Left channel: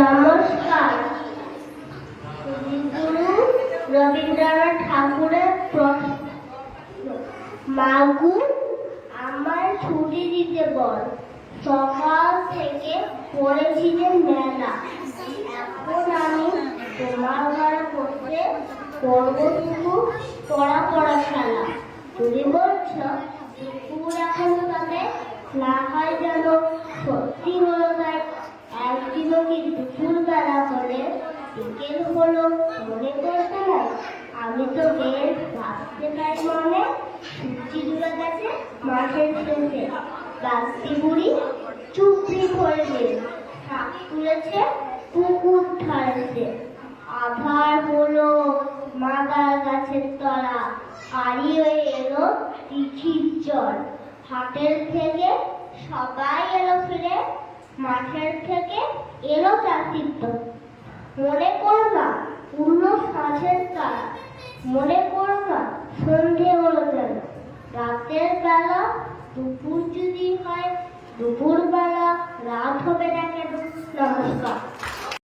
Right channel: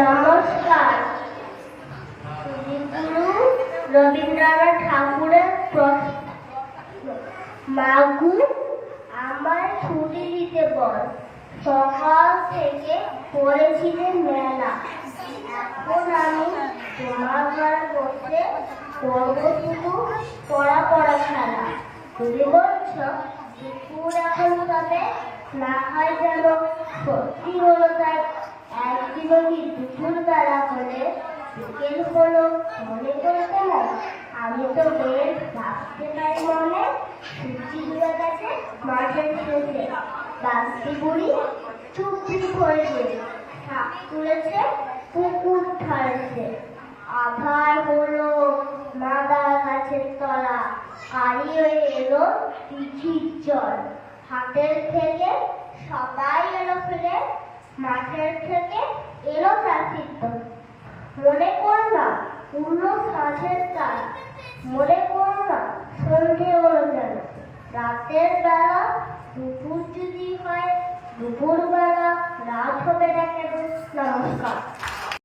নমস্কার। কবিগুরু রবীন্দ্রনাথ ঠাকুরের প্রশ্ন। মাগু আমার ছুটি দিতে বল, সকাল থেকে পড়েছিলেন মেলা। এখন আমি তোমার ঘরে বসে করবো শুধু পড়া পড়া খেলা। তুমি বলছ দুপুর এখন তবে না হয় যেন সত্যি হলো তাই। একদিনও কি দুপুর বেলা হলে বিকেল হলো মনে করতে না? আমি তো বেশ ভাবতে পাই মনে, সূর্যি ডুবে গেছে মাঠের শেষে। বাস্তি বুড়ি চুপড়ি ধরেছে, শাক তুলেছে পুকুর ধারেছে। আধার হলো মাদার গাছের তলা, আড়ি হয়ে এলো দিঘির জল। হাটের থেকে সবাই এলো ফিরে, মাঠের থেকে এলো চাষির দল। মনে কর না পূর্ণ সাঁঝের তারা, মনে কর না সন্ধে হলো যেন। রাতের বেলা দুপুর যদি হয়, দুপুর বেলা রাত হবে না কেন? নমস্কার।